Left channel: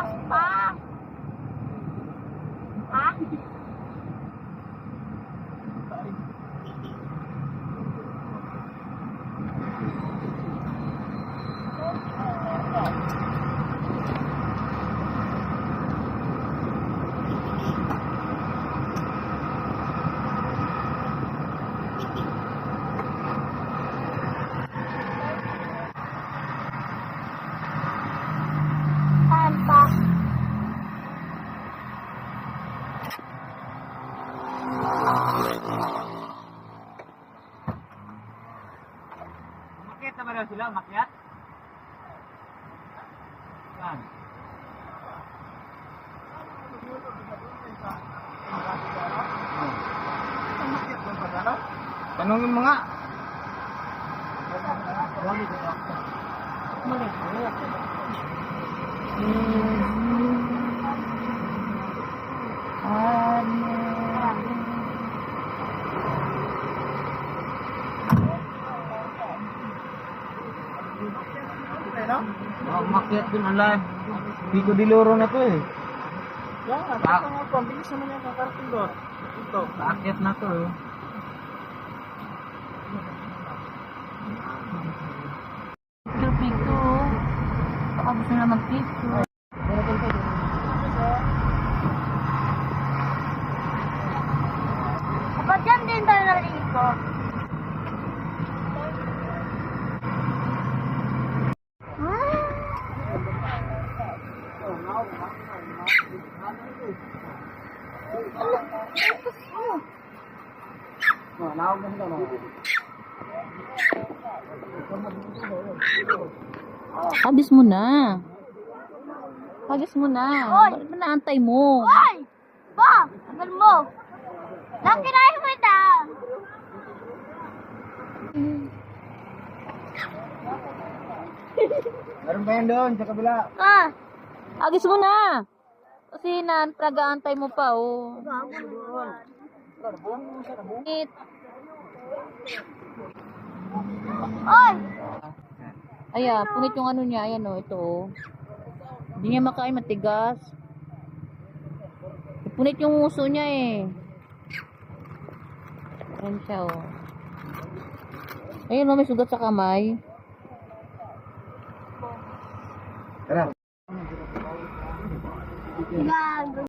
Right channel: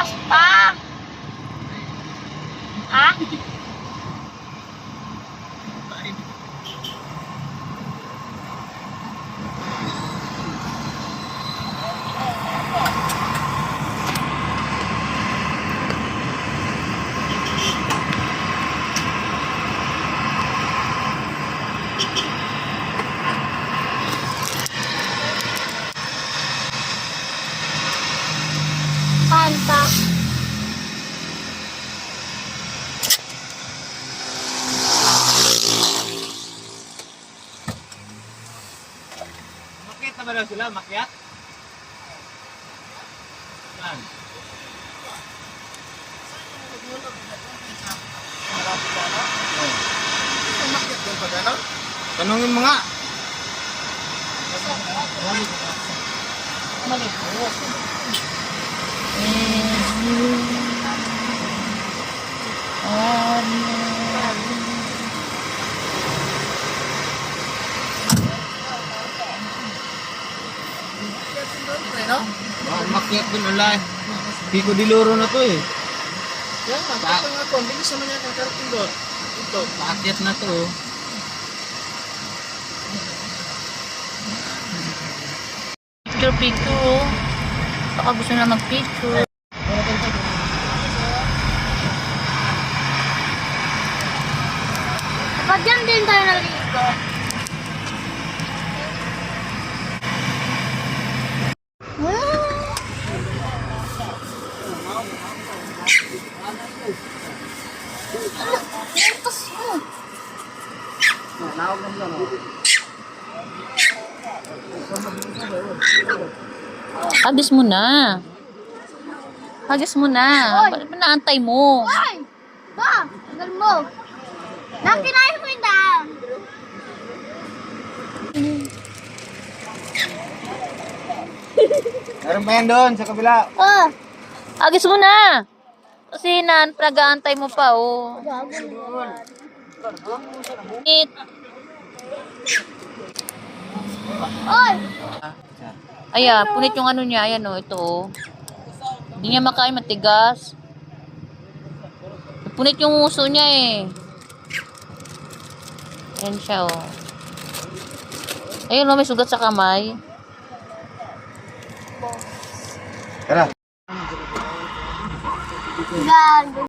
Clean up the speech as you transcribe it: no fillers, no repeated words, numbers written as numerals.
Bukas pa. Ha? Kanta. Makyat na ba daw sila? Makyat? Saan? Tanungin mo nga. Mali. Makyat din alay. Pico di Loro na to eh. Yan, nakita nga ako. Ang bilis naman yan ang karating doon. Ito. Paakyat na to eh. Picture. Baka gusto na mag-picture. Kapag yan din tayo nalito. Hagis mo na. Hagis mo na. Bakit ba naantay mo? Hoy! Ba! Tagal mo! Nakirahin mo yung daan! Meron pa yan doon sa kabila. Oh! Hagis mo na. Kasi nag-aantay mo pa, oh. It. Hoy! Ayan, punit yung ano niya. Ayan, oh, ito, oh. Hindi niya makain, matigas. Punit yung uso niya, eh. Ayan siya, oh. Ayun, oh, may sugat sa kamay. Tara. Gan!